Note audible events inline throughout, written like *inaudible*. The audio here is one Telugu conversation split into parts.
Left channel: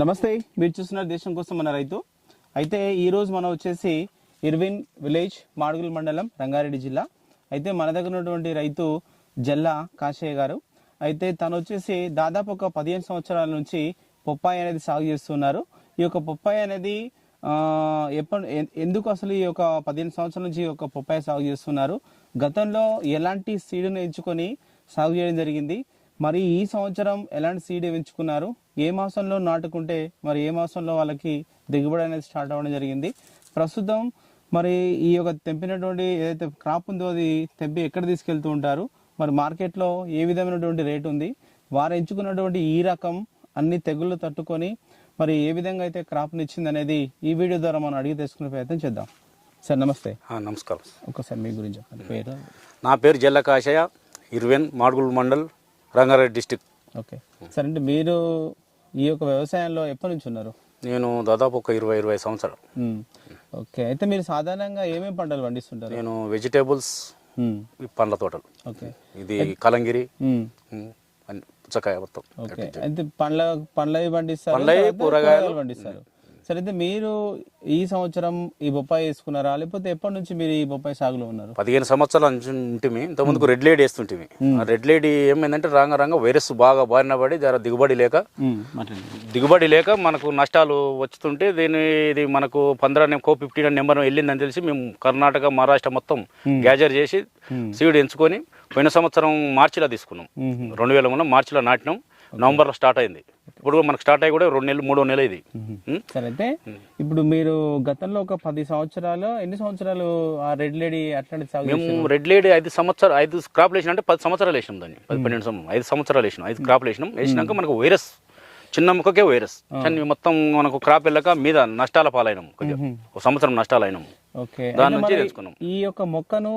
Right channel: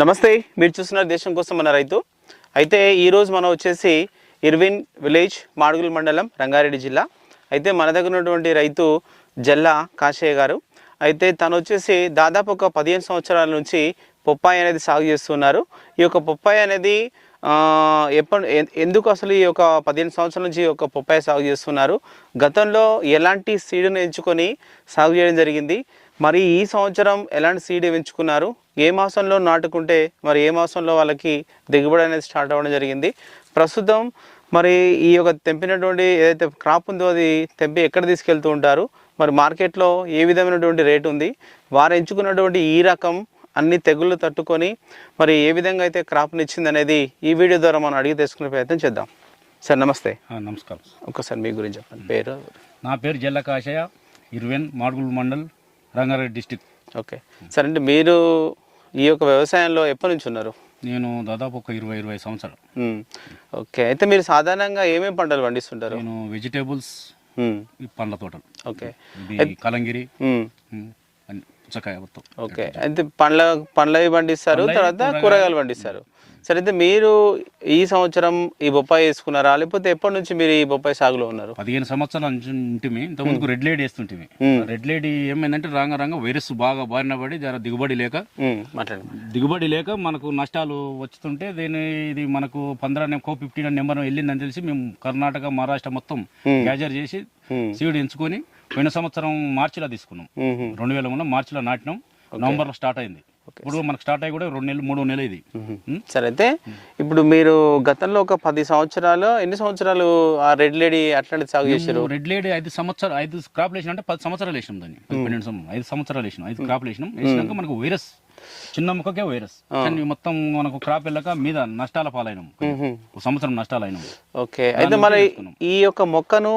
నమస్తే మీరు చూస్తున్నారు దేశం కోసం మన రైతు. అయితే ఈరోజు మనం వచ్చేసి ఇర్విన్ విలేజ్ మాడుగుల మండలం రంగారెడ్డి జిల్లా. అయితే మన దగ్గర ఉన్నటువంటి రైతు జల్లా కాశయ్య గారు. అయితే తను వచ్చేసి దాదాపు ఒక పదిహేను సంవత్సరాల నుంచి పొప్పాయి అనేది సాగు చేస్తున్నారు. ఈ యొక్క పొప్పాయి అనేది ఎప్పుడు ఎందుకు అసలు ఈ యొక్క పదిహేను సంవత్సరాల నుంచి ఈ యొక్క పొప్పాయి సాగు చేస్తున్నారు? గతంలో ఎలాంటి సీడును ఎంచుకొని సాగు చేయడం జరిగింది? మరి ఈ సంవత్సరం ఎలాంటి సీడ్ ఎంచుకున్నారు ఏ మాసంలో నాటుకుంటే మరి ఏ మాసంలో వాళ్ళకి దిగుబడి అనేది స్టార్ట్ అవ్వడం జరిగింది? ప్రస్తుతం మరి ఈ యొక్క తెంపినటువంటి ఏదైతే క్రాప్ ఉందో అది తెంపి ఎక్కడ తీసుకెళ్తూ ఉంటారు? మరి మార్కెట్లో ఏ విధమైనటువంటి రేట్ ఉంది? వారు ఎంచుకున్నటువంటి ఈ రకం అన్ని తెగుళ్ళు తట్టుకొని మరి ఏ విధంగా అయితే క్రాప్ని ఇచ్చింది అనేది ఈ వీడియో ద్వారా మనం అడిగి తెలుసుకునే ప్రయత్నం చేద్దాం. సార్ నమస్తే. నమస్కారం. ఒక్కసారి మీ గురించి చెప్పండి. పేరు? నా పేరు జల్లకాశయ Irwin Madgul mandal Rangareddy district. Okay. Sir అంటే మీరు ఈ యొక్క వ్యవసాయంలో ఎప్పటి నుంచి ఉన్నారు? నేను దాదాపు ఒక ఇరవై ఇరవై సంవత్సరాలు. ఓకే. అయితే మీరు సాధారణంగా ఏమేమి పంటలు పండిస్తుంటారు? నేను వెజిటేబుల్స్ పండ్ల తోటలు. ఓకే. ఇది కలంగిరి పుచ్చకాయ మొత్తం. ఓకే. అయితే పండ్ల పండ్లవి పండిస్తారు తర్వాత. కూరగాయలు పండిస్తారు. సరే అయితే మీరు ఈ సంవత్సరం ఈ బొప్పాయి వేసుకున్నారా? లేకపోతే ఎప్పటి నుంచి మీరు ఈ బొప్పాయి సాగులో ఉన్నారు? పదిహేను సంవత్సరాల నుంచి ఉంటిమి ఇంతకుముందుకు రెడ్ లేడీ వేస్తుంటిమి. ఆ రెడ్ లేడీ ఏమైందంటే రాంగ రాంగ వైరస్ బాగా బారిన పడి జర దిగుబడి లేక దిగుబడి లేక మనకు నష్టాలు వస్తుంటే దీని ఇది మనకు పంద్రా కో ఫిఫ్టీన్ నెంబర్ వెళ్ళిందని తెలిసి మేము కర్ణాటక మహారాష్ట్ర మొత్తం గ్యాజర్ చేసి. సీడ్ ఎంచుకొని పోయిన సంవత్సరం మార్చిలో తీసుకున్నాం. రెండు వేల మూడు మార్చిలో నాటినాం. నవంబర్లో స్టార్ట్ అయింది. ఇప్పుడు మనకు స్టార్ట్ అయ్యి కూడా రెండు నెలలు మూడో నెల ఇది. సరే అయితే ఇప్పుడు మీరు గతంలో ఒక పది సంవత్సరాలు ఎన్ని సంవత్సరాలు ఆ రెడ్ లేడీ అట్లాంటి సాగు చేశారు? రెడ్ లేడీ ఐదు సంవత్సరాలు ఐదు క్రాప్ వేసిన అంటే పది సంవత్సరాలు వేసినాం దాన్ని. పన్నెండు సంవత్సరం ఐదు సంవత్సరాలు వేసినాం ఐదు క్రాప్ వేసినాం వేసినాక మనకు వైరస్ చిన్న ముక్కకే వైరస్. కానీ మొత్తం మనకు క్రాప్ వెళ్ళక మీద నష్టాల పాలైనాం కొంచెం. ఒక సంవత్సరం నష్టాలు అయినాం ఓకే అయితే మరి. ఈ యొక్క మొక్కను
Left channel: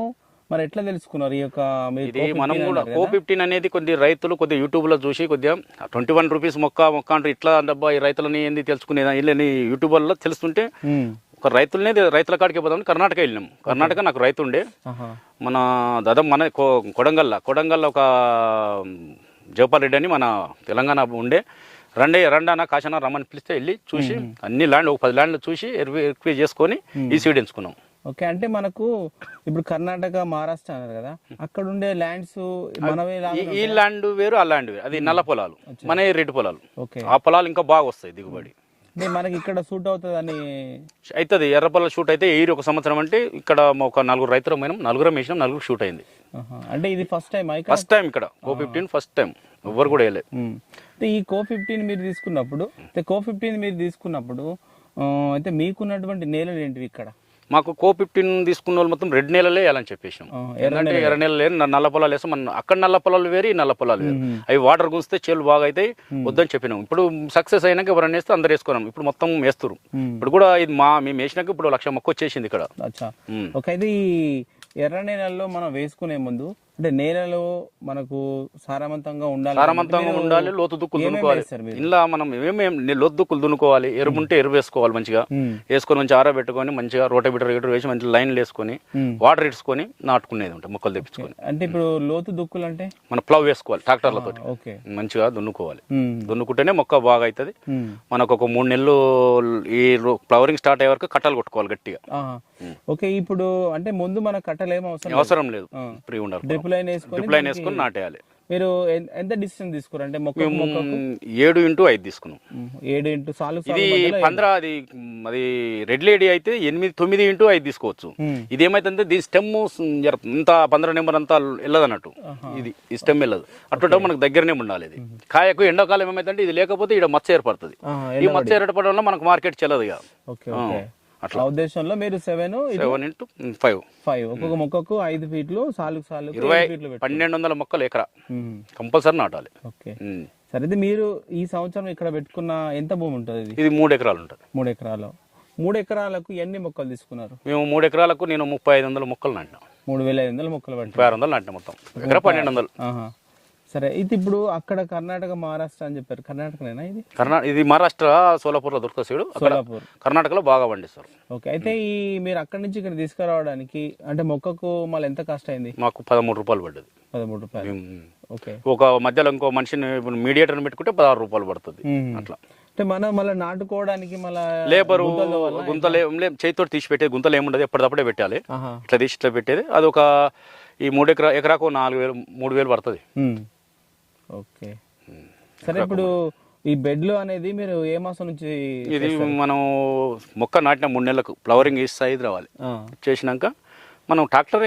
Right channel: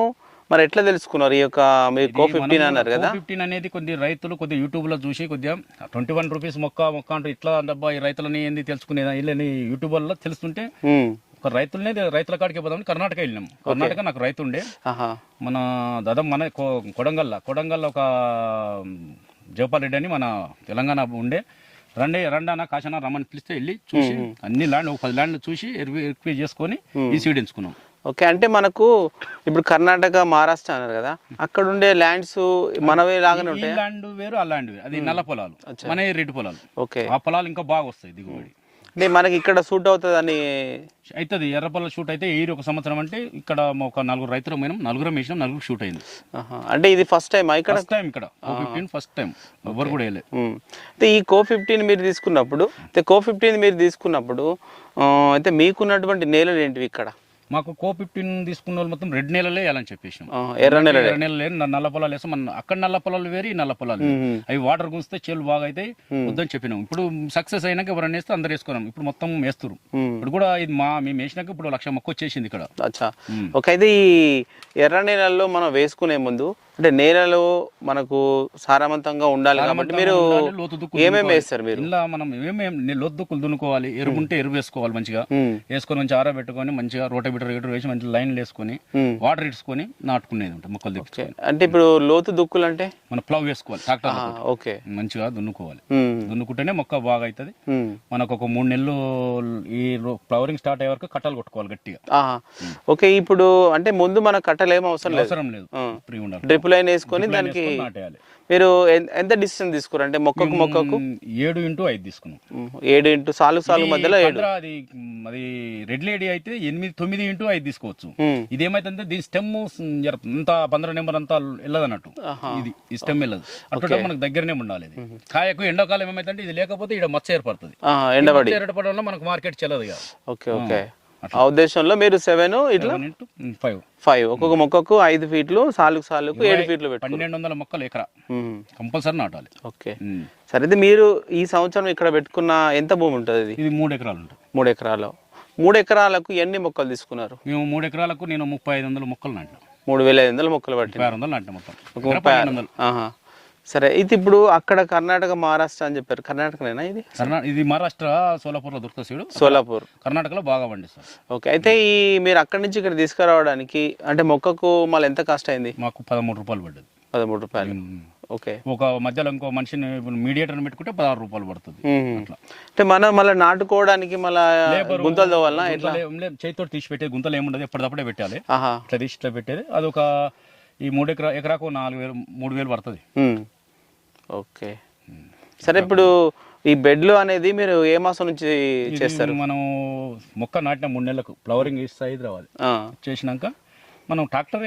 మరి ఎట్లా తెలుసుకున్నారు? ఈ యొక్క మీరు కో ఫిఫ్టీన్ అన్నారు కదా. ఫిఫ్టీన్ అనేది కొద్ది రైతులు కొద్ది యూట్యూబ్లో చూసి కొద్దిగా ట్వంటీ వన్ రూపీస్ మొక్క మొక్క అంటూ ఇట్లా డబ్బా ఈ రైతులని ఏంది తెలుసుకునేదా వీళ్ళని యూట్యూబ్లో తెలుస్తుంటే. ఒక రైతులనే రైతుల కాడికి పోదామని కర్ణాటక వెళ్ళినాం. కర్ణాటక నాకు రైతు ఉండే. మన దాదాపు మన కొ- కొడంగల్ల కొడంగల్ల ఒక జవపాల్ రెడ్డి అని మన తెలంగాణ ఉండే. రండే రండానా కాశనా రమ్మని పిలిస్తే వెళ్ళి చూసి అన్ని ల్యాండ్ ఒక పది ల్యాండ్లు చూసి ఎక్వే చేసుకొని ఈ సీడ్ ఎంచుకున్నాం. ఓకే అంటే మనకు ఇప్పుడు కర్ణాటక మహారాష్ట్ర అన్నారు కదా అక్కడ ఉండే ల్యాండ్స్ మనవే లాగానే ఈ ల్యాండ్ వేరు ఆ ల్యాండ్ వేరు. అది నల్ల పొలాలు. మన రెడ్డి పొలాలు. ఓకే. ఆ పొలాలు ఇంకా బాగా వస్తాయి దిగుబడి. అంటే మనకి ఇక్కడ అవుతుందని అవుతుంది ఎర్ర పొలాలు షూట్ అయితే ఏరి ఒక సంవత్సరం అంటే ఇక్కడ ఒక నలుగురు రైతులు పోయినాం నలుగురం వేసినాం నలుగురు షూట్ అయింది. అంటే ఇది ఫస్ట్ టైం ఇక్కడ? ఫస్ట్ టైం ఇక్కడ. ఓ ఫిఫ్టీన్ ఫస్ట్ టైం ఎవరు కూడా వేయలేదు. మ్మ్. అయితే ఈ కో ఫిఫ్టీన్ మీరు తీసుకున్నప్పుడు అయితే కో ఫిఫ్టీన్ మీరు తీసుకున్నప్పుడు అయితే మీకున్నటువంటి నేలలు ఏంటివి ఇక్కడ? మాకు కో ఫిఫ్టీన్ తీసుకున్న వాళ్ళు మొత్తం రెడ్ నెలలే వేయాలని చెప్పేసాం. ఎర్ర నేల ఎర్ర నెలలు నల్ల పొలాలు వేస్తాం. మన అక్కడ నల్ల పొలాలు వేరు నల్ల పొలాలు. అవి వాటర్ గుంచితే చేలు బాగా అవుతాయి వద్దని చెప్పినాం. ఇప్పుడు సక్సెస్ అయినాక ఎవరైనా వేస్తే అందరు వేసుకున్నాం. ఇప్పుడు మొత్తం వేస్తారు. ఇప్పుడు కూడా ఇది మా మేము వేసినాక ఇప్పుడు లక్ష మొక్క వచ్చేసింది ఇక్కడ. అచ్చా. ఓకే అయితే ఈ ఎర్ర నేలల్లో మనం వేసుకునే ముందు అంటే నేలలు మనకు సారవంతంగా ఉండాలి మీరు ఉండాలి, లోతు దుక్కులు ఏమేమి. వేస్తారు మీరు? ఇలా మనం ఏమేమి లోతు దుక్కులు దున్నుకోవాలి? ఎరువు ఉంటే ఎరువు వేసుకోవాలి మంచిగా. వేసుకొని మంచిగా ఆరబెట్టుకొని మంచిగా రోటబిటర్ గిటర్ వేసి మంచి లైన్లు వేసుకొని. వాటర్ ఇడ్చుకొని నాటుకునేది ఉంటుంది మొక్కలు తెప్పించుకొని. అంటే ఇప్పుడు లోతు దుక్కులు అంటే? మన ప్లవ్ వేసుకోవాలి ట్రాక్టర్లతో ఓకే. మంచిగా దున్నుకోవాలి. దున్నుకుంటేనే మొక్క బాగా అవుతుంది. మనకు ఒక మూడు నెలలు ఈ ఫ్లవరింగ్ స్టార్ట్ అయ్యే వరకు కట్టలు కొట్టుకోవాలి గట్టిగా. ఓకే ఇప్పుడు అంటే ముందు మన కట్టలు ఏం అవసరం అవసరం లేదు. ఫ్రీ ఉండాలి. డ్రిప్ లైన్ వేసుకొని దానికి నాటేయాలి. మీరు ఎన్- ఎంత డిస్టెన్స్ తీసుకురు అంటే మొక్కకు మొక్కకు? మ్, ఏడు ఇంటూ ఐదు తీసుకున్నాం. ఏడు ఇంటూ సాలు సాలు ఇది మధ్యలో ఏడు. పంద్రా అది మ్, అది రెడ్ లేడీ అయితే ఎనిమిది తొమ్మిది ఇంటూ ఐదు తీసుకోవచ్చు. ఇది ఏమైతుందంటే దీని స్టెమ్ ఇంత పంద్ర నెంబర్ అంతా వెళ్ళదు అన్నట్టు ఇది ఈ స్టెమ్ వెళ్ళదు అట్లా మనకు దగ్గరనే ఉండాలి ఇది. కాయకు ఎండాకాలం ఏమైతుందంటే ఇది లేకపోతే ఇక్కడ మచ్చ ఏర్పడుతుంది. ఆహా, ఈ ఎండబడి. మచ్చ ఏర్పడడం వల్ల మనకు మార్కెట్ చెల్లదు ఇక. Okay okay. ఆ ఉద్దేశంలో మీరు సెవెన్ ఫైవ్ ఫైవ్ ఒక్కొక్క మొక్కకు ఐదు ఫీట్లు సాలుకు సాలుకు ఏడు ఫీట్లు పన్నెండు వందల మొక్కలు ఎకరా. కంపల్సరీ నాటాలి. ఓకే మ్. సరే మీరు ఈ సంవత్సరం ఇక్కడ పెట్టుకున్న ఎంత భూమి ఉంటుంది ఇది? మూడు ఎకరాలు ఉంటుంది. మూడు ఎకరాలు. మూడు ఎకరాలకు ఎన్ని మొక్కలు తీసుకున్నారు? మేము మూడు ఎకరాలకు నేను ముప్పై ఐదు వందల మొక్కలు నాటినా. మూడు వేల ఐదు వందల మొక్కలు పట్టి ఆరు వందలు నాటినా మొత్తం. పన్నెండు వందలు. సరే ఇది ఇప్పుడు అక్కడ కర్ణాటక మహారాష్ట్ర అని చెప్పారు. కర్ణాటకనేనా ఇది? కర్ణా ఇది మహారాష్ట్ర సోలాపూర్లో దొరుకుతుంది సీడు. సోలాపూర్. కర్ణాటకలో బాగా పండిస్తారు. ఓకే అయితే ఈ మీరు అక్కడి నుంచి ఇక్కడ తీసుకురావడానికి అంటే మొక్కకు మళ్ళీ ఎంత కాస్ట్ అయింది? మాకు పదమూడు రూపాయలు పడ్డది. పదమూడు రూపాయలు. ఓకే. ఒక మధ్యలో ఇంకో మనిషిని మీడియేటర్ని పెట్టుకుంటే పదహారు రూపాయలు పడుతుంది. అట్లా. అంటే మనం మళ్ళీ నాటుకోవడానికి మళ్ళీ లేబర్ గుంతలు చేతితో తీసి పెట్టేది గుంతలు ఏముండదు ఎప్పటిదప్పుడే పెట్టాలి. ఆహా. ఇట్లా తీసి ఇట్లా పెట్టేది. అది ఒక ఈ మూడు ఎకరా ఎకరాకు నాలుగు వేలు మూడు వేలు పడుతుంది. ఓకే. సరే ఇప్పుడు ఈ బెడ్లు అనేది మీరు ఏ మాసం నుంచి చేస్తారు? మనం మొక్క నాటిన మూడు నెలలకు ఫ్లవరింగ్ సైజ్ రావాలి. చేసినాక మనం ట్రాక్టర్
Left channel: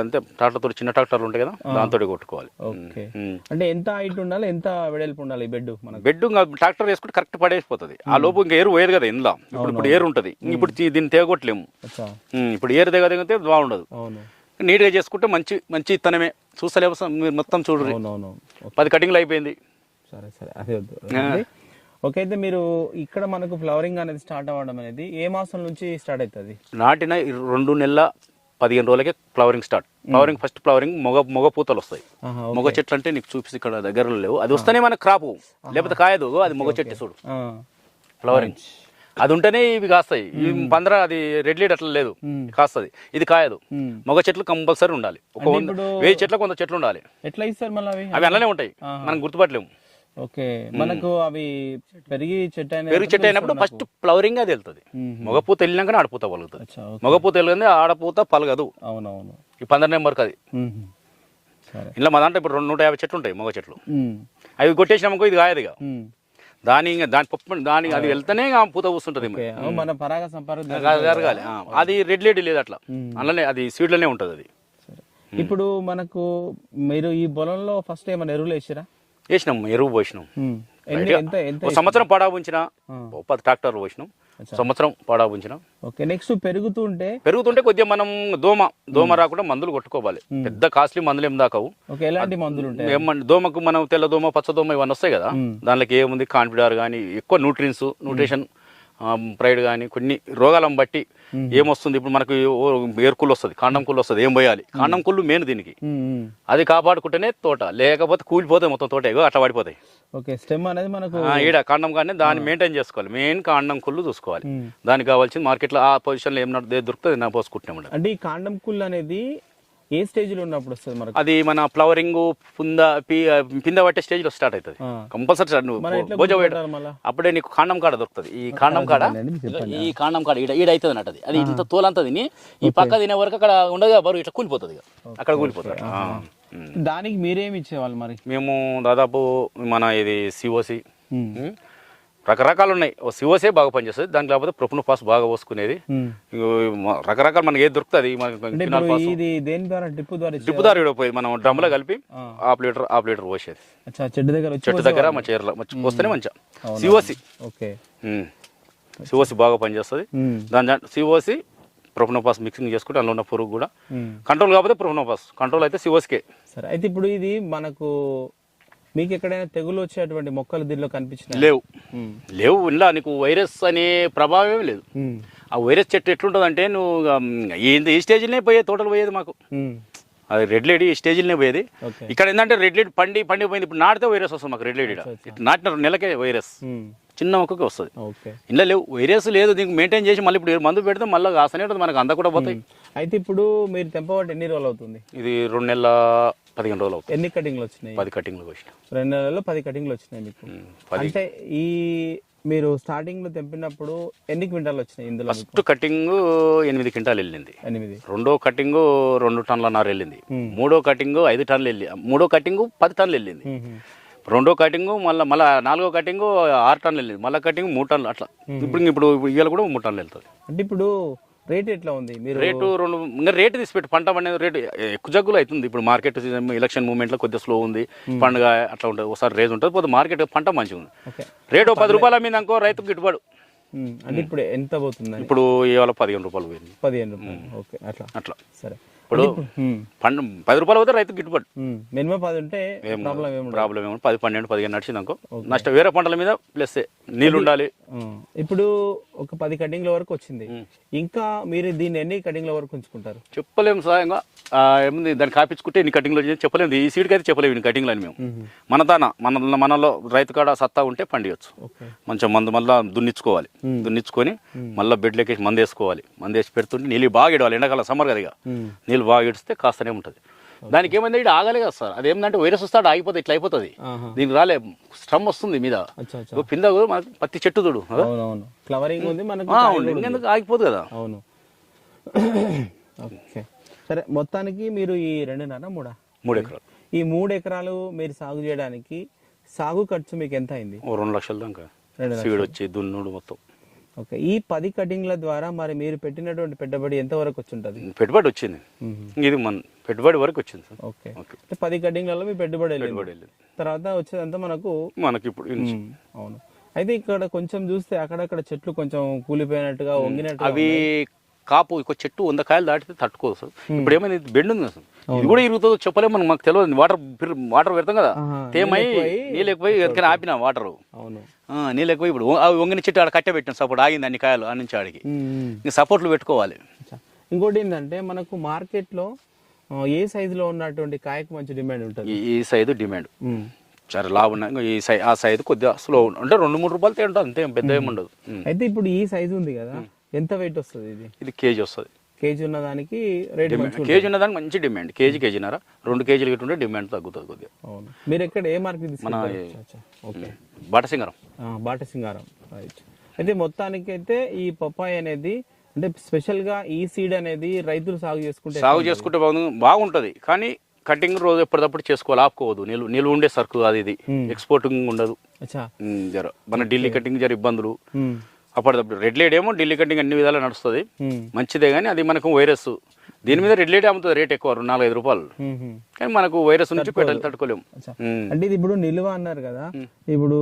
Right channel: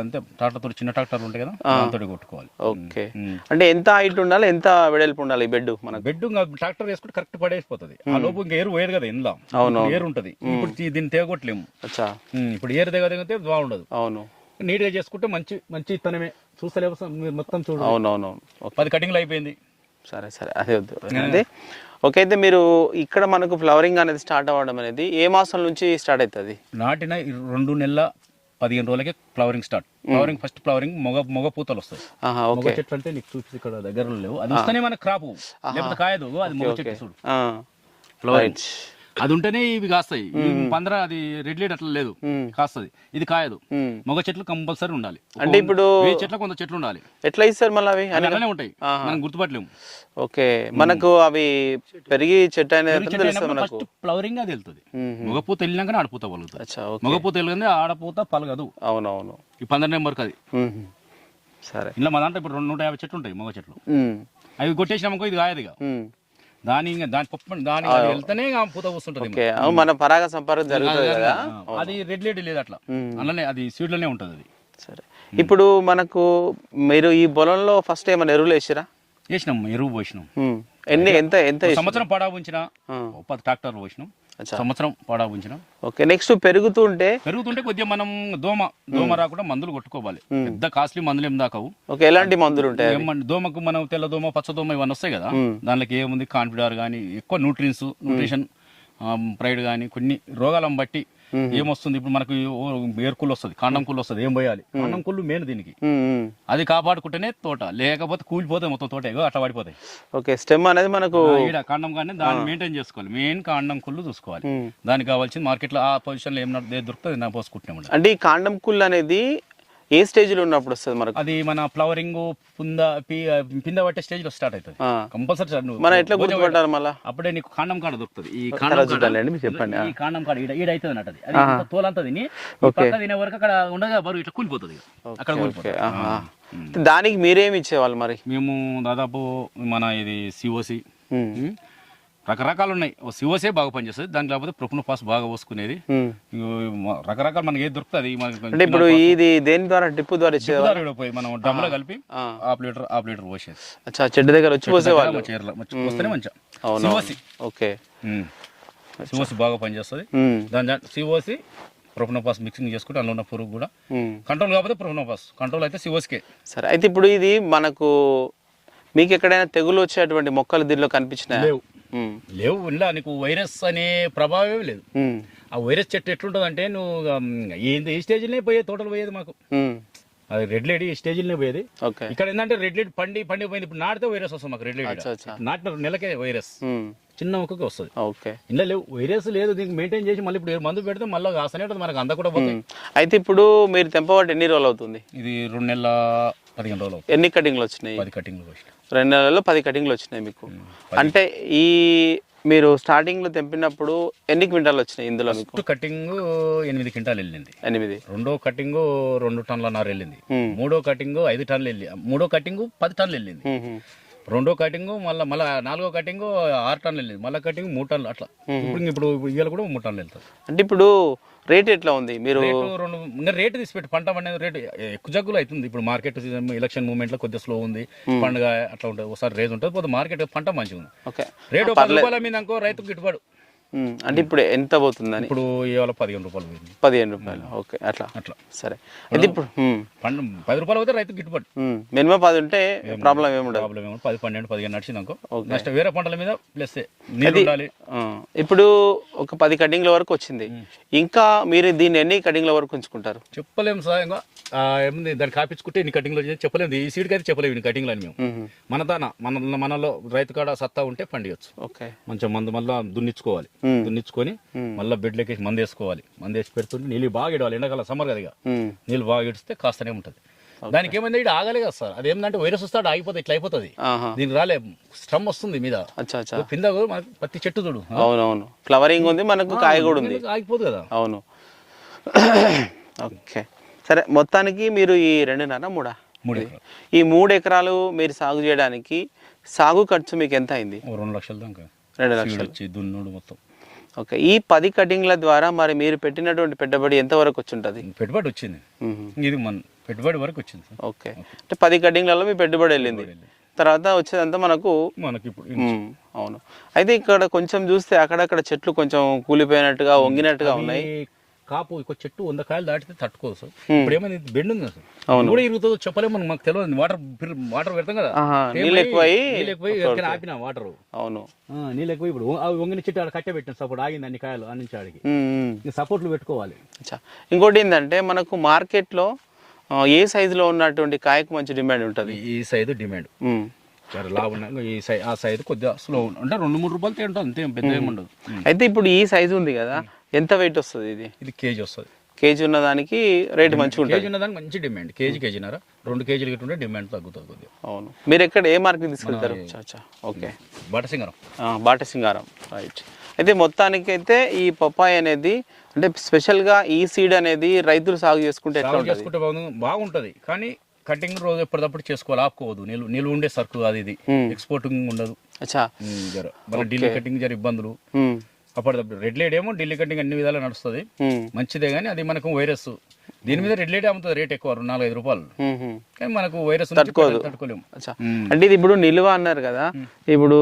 అంతే ట్రాక్టర్తో చిన్న ట్రాక్టర్లు ఉంటాయి కదా దాంతో కొట్టుకోవాలి. ఓకే. అంటే ఎంత హైట్ ఉండాలి ఎంత వెడల్పు ఉండాలి ఈ బెడ్ మనకు? బెడ్ ట్రాక్టర్ వేసుకుంటే కరెక్ట్ పడేసిపోతుంది. ఆ లోపు ఇంకా ఏరు పోయేది కదా ఇప్పుడు ఏరు ఉంటుంది. ఇప్పుడు దీన్ని తేగొట్టలేము. ఇప్పుడు ఏరు దిగదిగితే బాగుండదు అవును. నీట్గా చేసుకుంటే మంచి మంచి ఇత్తనమే. చూస్తలేము స- మీరు మొత్తం చూడు అవునవును. పది కటింగ్లు అయిపోయింది. సరే సరే. అదే వద్దు. ఓకే అయితే మీరు ఇక్కడ మనకు ఫ్లవరింగ్ అనేది స్టార్ట్ అవ్వడం అనేది ఏ మాసం నుంచి స్టార్ట్ అవుతుంది? నాటిన రెండు నెలల పదిహేను రోజులకే flowering start. Flowering first flowering మొగ మొగ పూతలు వస్తాయి. మొగ చెట్లు అంటే నీకు చూపిస్తే ఇక్కడ దగ్గరలో లేవు. అది వస్తేనే మనకు క్రాపు. లేకపోతే కాయదు అది మొగ చెట్టు చూడు. ఆ, ఫ్లవరింగ్. అది ఉంటేనే ఇవి కాస్తాయి. పంద్ర అది రెడ్ లీడ్ అట్లా లేదు. కాస్తుంది. ఇది కాయదు. మొగ చెట్లు కంపల్సరీ ఉండాలి. అంటే ఇప్పుడు వెయ్యి చెట్లు కొంత చెట్లు ఉండాలి. ఎట్లా ఇస్తారు మళ్ళీ అవి? అవి అలానే ఉంటాయి. మనం గుర్తుపట్టలేము. ఓకే. మనకు అవి పెరిగి చెట్టు అనేది పెరుగు చెట్టు అయినప్పుడు ఫస్ట్ ఫ్లవరింగ్ అది వెళ్తుంది. మగ పూత వెళ్ళినాక ఆడపూత పలుకుతుంది అచ్చా ఓకే. మగ పూత వెళ్ళింది ఆడపూత పలగదు. అవునవును. ఈ పంద్ర నెంబర్కి అది. సరే. ఇలా మా దాంట్లో ఇప్పుడు రెండు నూట యాభై చెట్లు ఉంటాయి మగ చెట్లు. అవి కొట్టేసినామనుకో ఇది కాయదు ఇక. దాని ఇంకా దాని పప్పు దాని అది వెళ్తేనే ఆ పూత కూస్తుంటుంది మన పరాగ సంపర్కం. అది రెడ్ లేడీ లేదు అట్లా. అలానే అది సీడ్లోనే ఉంటుంది అది. సరే. ఇప్పుడు మనకు మీరు ఈ పొలంలో ఫస్ట్ ఏమైనా ఎరువులు వేసిరా? వేసినాం ఎరువు పోసినాం. ఎన్ని ఎంత ఎంత సంవత్సరం పడా ఉంచిన. పది ట్రాక్టర్ పోసినాం. సంవత్సరం పడా ఉంచినాం ఓకే నెక్స్ట్ పెరుగుతుంటే? పెరుగుతుంటే కొద్దిగా మనం దోమ దోమ రాకుండా మందులు కొట్టుకోవాలి. పెద్ద కాస్ట్లీ మందులు ఏం దాకావు. ఓకే ఎలాంటి మందులు ఉంటాయి దోమకు మనం తెల్ల దోమ పచ్చ దోమ ఇవన్నీ వస్తాయి కదా. దానిలోకి ఏముంది? కాన్ఫిడార్ కానీ ఎక్కువ న్యూట్రియన్స్ న్యూట్రిషన్ ప్రైడ్ కానీ కొన్ని రోగాలను బట్టి ఏమొస్తుంది? ఇప్పుడు మనకు ఏర్కులు వస్తుంది కాండం కుళ్ళు వస్తుంది ఏం పోయాలి? కాండం కుళ్ళు మెయిన్ దీనికి. అది కాపాడుకుంటేనే తోట లేకపోతే కూలిపోతాయి మొత్తం తోట అట్లా పడిపోతాయి. ఓకే స్టెమ్ అనేది మనకు ఈడ కాండం కానీ దాన్ని మెయింటైన్ చేసుకోవాలి. మెయిన్ కాండం కుళ్ళు చూసుకోవాలి. దానికి కావాల్సింది మార్కెట్లో ఆ పొజిషన్లో ఏం నడు- ఏది దొరుకుతుంది నా పోసుకుంటున్నాం. అంటే ఈ కాండం కుళ్ళు అనేది ఏ స్టేజ్లో ఉన్నప్పుడు వస్తుంది మనకు? అది మన ఫ్లవరింగ్ పుంద పింద పట్టే స్టేజ్లో స్టార్ట్ అవుతుంది. కంపల్సరీ మనం ఎట్లా గుర్తుపట్టాలి మళ్ళా? అప్పుడే నీకు కాండం కాడ దొరుకుతుంది. ఈ కాండం కాడ చెప్పండి. ఈ కాండం కాడ ఈడ ఈడ అవుతుంది అన్నట్టు అది. అది ఇంత తోలంతా తిని ఈ పక్క తినే వరకు అక్కడ ఉండగా బరువు ఇట్లా కూలిపోతుంది. అక్కడ కూలిపోతుంది. దానికి మీరేమి ఇచ్చేవాళ్ళు మరి? మేము దాదాపు మన ఇది సిఓసి. రకరకాలు ఉన్నాయి సిఓసే బాగా పనిచేస్తుంది. దానికి కాకపోతే పాస్ బాగా పోసుకునేది. రకరకాలు మనకి ఏది దొరుకుతుంది? అంటే ఇప్పుడు ఇది దేని ద్వారా? టిప్పు ద్వారా జిప్పుదారు ఈడ పోయి మనం డ్రమ్లో కలిపి ఆ. హాఫ్ లీటర్ హాఫ్ లీటర్ పోసేది. అచ్చా చెట్టు దగ్గర వచ్చి వస్తేనే మంచిగా. COC okay. సిఓసి బాగా పనిచేస్తుంది. దాని సిఓసి ప్రొఫనోపాస్ మిక్సింగ్ చేసుకుంటే అందులో ఉన్న పురుగు కూడా. కంట్రోల్ కాకపోతే ప్రొఫనోపాస్ కంట్రోల్ అయితే సిఓస్కే సరే అయితే ఇప్పుడు ఇది మనకు మీకు ఎక్కడైనా తెగులు వచ్చేటువంటి మొక్కలు దీనిలో కనిపించినాయి? లేవు. లేవు ఇలా నీకు వైరస్ అనే ప్రభావం లేదు. ఆ వైరస్ చెట్టు ఎట్లుంటుందంటే నువ్వు ఏంది ఈ స్టేజ్లోనే పోయేది తోటలు పోయేది మాకు. అది రెడ్ లేడీ ఈ స్టేజ్లోనే పోయేది. ఓకే. ఇక్కడ ఏంటంటే రెడ్ లేడీ పండి పండి పోయింది ఇప్పుడు నాటితే వైరస్ వస్తుంది మాకు రెడ్ లేడీ. నాటిన నెలకే వైరస్. చిన్న మొక్కకి వస్తుంది. ఓకే. ఇంట్లో లేవు. వైరస్ లేదు దీనికి మెయింటైన్ చేసి మళ్ళీ ఇప్పుడు మందు పెడితే మళ్ళీ కాస్తనే ఉంటుంది. మనకు అంత కూడా పోతాయి. అయితే ఇప్పుడు మీరు తెంపబట్టి ఎన్ని రోజులు అవుతుంది? ఇది రెండు నెలల పదిహేను రోజులు అవుతుంది. ఎన్ని కటింగ్లు వచ్చినాయి? పది కటింగ్లు వచ్చిన రెండు నెలల్లో పది కటింగ్లు వచ్చినాయి మీకు. అంటే ఈ మీరు స్టార్టింగ్లో తెంపినప్పుడు ఎన్ని క్వింటాలు వచ్చినాయి ఇందులో ఫస్ట్ కటింగ్ ఎనిమిది క్వింటాలు వెళ్ళింది. ఎనిమిది. రెండో కటింగ్ రెండు టన్నుల నార వెళ్ళింది. మూడో కటింగ్ ఐదు టన్నులు వెళ్ళి మూడో కటింగ్ పది టన్నులు వెళ్ళింది. రెండో కటింగ్ మళ్ళీ మళ్ళీ నాలుగో కటింగ్ ఆరు టన్నులు వెళ్ళింది. మళ్ళీ కటింగ్ మూడు టన్నులు అట్లా. ఇప్పుడు ఇప్పుడు ఇవాళ కూడా మూడు టన్నులు వెళ్తుంది. అంటే ఇప్పుడు రేట్ ఎట్లా ఉంది? మీరు రేటు రెండు ఇంకా రేటు తీసిపెట్టి. పంట పండే రేటు ఎక్కువ జగ్గులు అవుతుంది. ఇప్పుడు మార్కెట్ సీజన్ ఎలక్షన్ మూమెంట్లో కొద్దిగా స్లో ఉంది. పండుగ అట్లా ఉంటుంది. ఒకసారి రేజ్ ఉంటుంది. పోతే మార్కెట్ పంట మంచిగా ఉంది ఓకే. రేటు పది రూపాయల మీద అనుకో రైతుకు గిట్టుబాటు. అంటే ఇప్పుడు ఎంత పోతుందని? ఇప్పుడు ఇవాళ పదిహేను రూపాయలు పోయింది. పదిహేను రూపాయలు. ఓకే అట్లా. అట్లా. సరే. అంటే ఇప్పుడు. పండు పది రూపాయలు పోతే రైతుకు గిట్టుబాటు. మినిమం పది ఉంటే ప్రాబ్లం ఏముండదు. ప్రాబ్లం ఏమో పది పన్నెండు పదిహేను నడిచింది అనుకో. నష్టం వేరే పంటల మీద ప్లస్ నీళ్ళు ఉండాలి. ఇప్పుడు ఒక పది కటింగ్ల వరకు వచ్చింది. ఇంకా మీరు దీన్ని ఎన్ని కటింగ్ల వరకు ఉంచుకుంటారు? చెప్పలేము సార్ ఇంకా ఆ, ఏముంది దాన్ని కాపించుకుంటే ఇన్ని కటింగ్లు వచ్చాయి చెప్పలేము. ఈ సీడ్కి అయితే చెప్పలేము ఇన్ని కటింగ్లు అని మేము. మన తాన మన మనలో రైతు కాడ సత్తా ఉంటే పండియచ్చు. ఓకే మంచిగా మందు మళ్ళీ దున్నిచ్చుకోవాలి. దున్నిచ్చుకొని మళ్ళీ బెడ్లోకి మందు వేసుకోవాలి. మందు వేసి పెడుతుంటే నీళ్ళు బాగా ఇడవాలి. ఎండాకాలం సమ్మర్ కదా ఇక. నీళ్ళు బాగా ఇడిస్తే కాస్తనే ఉంటుంది. దానికి ఏమైంది? ఇక్కడ ఆగలే కదా సార్. అదేంటంటే వైరస్ వస్తాడు ఆగిపోతుంది ఇట్లా అయిపోతుంది. దీనికి రాలే శ్రమ వస్తుంది మీద. పింద మనకు పత్తి చెట్టు చూడు. అవునవును. ఫ్లవరింగ్ ఉంది మనకు ఆగిపోదు కదా? అవును. ఓకే. సరే మొత్తానికి మీరు ఈ రెండున్నర మూడా? మూడు ఎకరాలు. ఈ మూడు ఎకరాలు మీరు సాగు చేయడానికి సాగు ఖర్చు మీకు ఎంత అయింది? ఓ రెండు లక్షల దాకా. రెండు లక్షలు. వచ్చి దున్నుడు మొత్తం. ఓకే. ఈ పది కటింగ్ల ద్వారా మరి మీరు పెట్టినటువంటి పెట్టుబడి ఎంత వరకు వచ్చి ఉంటుంది పెట్టుబడి వచ్చింది. ఇది మన పెట్టుబడి వరకు వచ్చింది సార్. ఓకే. అంటే పది కటింగ్లలో మీ పెట్టుబడి వెళ్ళింది. తర్వాత వచ్చేదంతా మనకు మనకి ఇప్పుడు అవును. అయితే ఇక్కడ కొంచెం చూస్తే అక్కడక్కడ చెట్లు కొంచెం కూలిపోయినట్టుగా వంగినట్టుగా అవి కాపు ఒక చెట్టు వంద కాయలు దాటితే తట్టుకోదు సార్. ఇప్పుడు ఏమైంది ఇది బెండ్ ఉంది సార్? కూడా ఇరుగుతుందో చెప్పలేము మనం మాకు తెలియదు వాటర్ వాటర్ పెడతాం కదా. ఆపిన వాటర్. అవును. నీళ్ళు ఎక్కువ ఇప్పుడు అవి వంగిన చెట్టు ఆడ కట్టే సపోర్ట్ ఆగింది అన్ని కాయలు ఆ నుంచి ఆడికి. ఇంకా సపోర్ట్లు పెట్టుకోవాలి. ఇంకోటి ఏంటంటే మనకు మార్కెట్లో ఏ సైజులో ఉన్నటువంటి కాయకు మంచి డిమాండ్ ఉంటుంది? ఈ సైజు డిమాండ్. సరే లాభ ఉన్నాయి ఈ సై ఆ సైజు కొద్దిగా స్లో అంటే రెండు మూడు రూపాయలు తింటాం అంతే పెద్ద ఏమి ఉండదు అయితే ఇప్పుడు ఈ సైజు ఉంది కదా ఎంత వెయిట్ వస్తుంది ఇది? ఇది కేజీ వస్తుంది. కేజీ ఉన్న దానికి రేట్ మంచిగా కేజీ ఉన్నదానికి మంచి డిమాండ్ కేజీ కేజీన్నర. రెండు కేజీలు గిట్టుంటే డిమాండ్ తగ్గుతుంది కొద్దిగా అవును. మీరు ఎక్కడ ఏ మార్కెట్ అచ్చా ఓకే. బాట సింగరం. ఆ, బాట సింగారం. రైట్. అయితే మొత్తానికి అయితే ఈ పప్పాయి అనేది అంటే స్పెషల్గా ఈ సీడ్ అనేది రైతులు సాగు చేసుకుంటే సాగు? చేసుకుంటే బాగుంది బాగుంటుంది. కానీ కటింగ్ రోజు ఎప్పటికప్పుడు చేసుకోవాలి ఆపుకోవద్దు. నిల్వ నిల్వ ఉండే సరుకు అది ఇది. ఎక్స్పోర్టింగ్ ఉండదు. అచ్చా. ఉమ్, జర. మన ఢిల్లీ కటింగ్ జర ఇబ్బందులు. ఉమ్, అప్పటిదప్పుడు. రెడ్ లైట్ ఏమో ఢిల్లీ కటింగ్ అన్ని విధాలు నడుస్తుంది. మంచిదే కానీ అది మనకు వైరస్. దీని మీద రెడ్ లైట్ అమ్ముతుంది రేట్ ఎక్కువ రెండు నాలుగు ఐదు రూపాయలు. కానీ మనకు వైరస్ తట్టుకోలేము. అంటే ఇది ఇప్పుడు నిల్వ అన్నారు కదా. ఇప్పుడు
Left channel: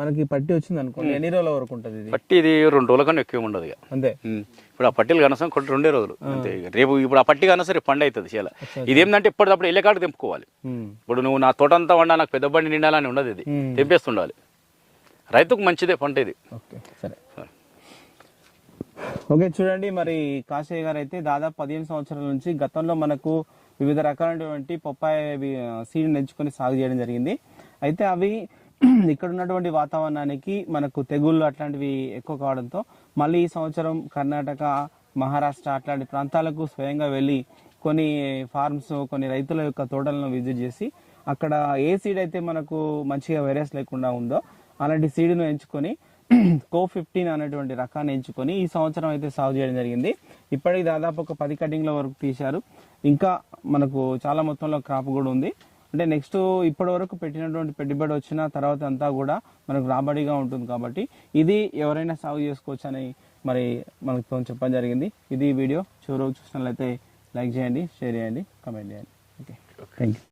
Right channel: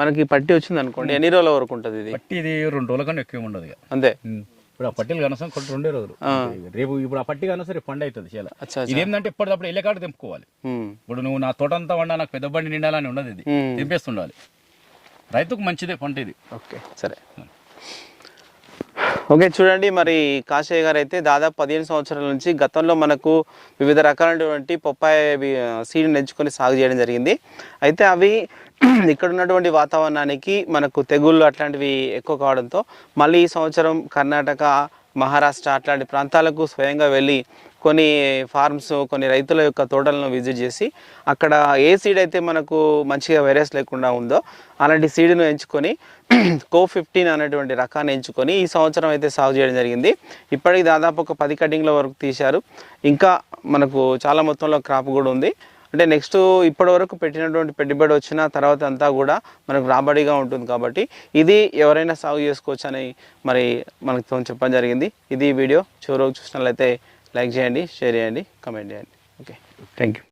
మనకి పట్టి వచ్చింది అనుకోండి ఎన్ని రోజుల వరకు ఉంటుంది ఇది? పట్టి ఇది రెండు రోజుల కన్నా ఎక్కువ ఉండదు అంతే. ఇప్పుడు ఆ పట్టీలు కనసం కొన్ని రెండే రోజులు. రేపు ఇప్పుడు ఆ పట్టి కనసం రేపు పండు అవుతుంది అచ్చా. ఇదేంటంటే ఎప్పటికప్పుడు ఎల్లకాడ తెంపుకోవాలి. ఇప్పుడు నువ్వు నా తోట అంతా వండా నాకు పెద్ద బండి నిండాలని ఉండదు ఇది. తెంపేస్తుండాలి. రైతుకు మంచిదే పంట ఇది. ఓకే. సరే. ఓకే చూడండి మరి కాశయ్య గారు అయితే దాదాపు పదిహేను సంవత్సరాల నుంచి గతంలో మనకు వివిధ రకాలైనటువంటి పప్పాయ సీడ్ని ఎంచుకొని సాగు చేయడం జరిగింది. అయితే అవి *clears throat* ఇక్కడ ఉన్నటువంటి వాతావరణానికి మనకు తెగుళ్ళు అట్లాంటివి ఎక్కువ కావడంతో మళ్ళీ ఈ సంవత్సరం కర్ణాటక మహారాష్ట్ర అట్లాంటి ప్రాంతాలకు స్వయంగా వెళ్ళి కొన్ని ఫార్మ్స్ కొన్ని రైతుల యొక్క తోటలను విజిట్ చేసి అక్కడ ఏ సీడ్ అయితే మనకు మంచిగా వైరస్ లేకుండా ఉందో అలాంటి సీడ్ను ఎంచుకొని *clears throat* కో ఫిఫ్టీన్ అనేటువంటి రకాన్ని ఎంచుకొని ఈ సంవత్సరం అయితే సాగు చేయడం జరిగింది. ఇప్పటికి దాదాపు ఒక పది కటింగ్ల వరకు తీశారు. ఇంకా మనకు చాలా మొత్తంలో క్రాప్ కూడా ఉంది. అంటే నెక్స్ట్ ఇప్పటి వరకు పెట్టినటువంటి పెట్టుబడి వచ్చిన తర్వాత అంతా కూడా మనకు రాబడిగా ఉంటుంది కాబట్టి ఇది ఎవరైనా సాగు చేసుకోవచ్చు అని మరి మనకు చెప్పడం జరిగింది. ఇది వీడియో. చివరకు చూసినట్లయితే లైక్ చేయండి షేర్ చేయండి కమెంట్ చేయండి. ఓకే. Thank you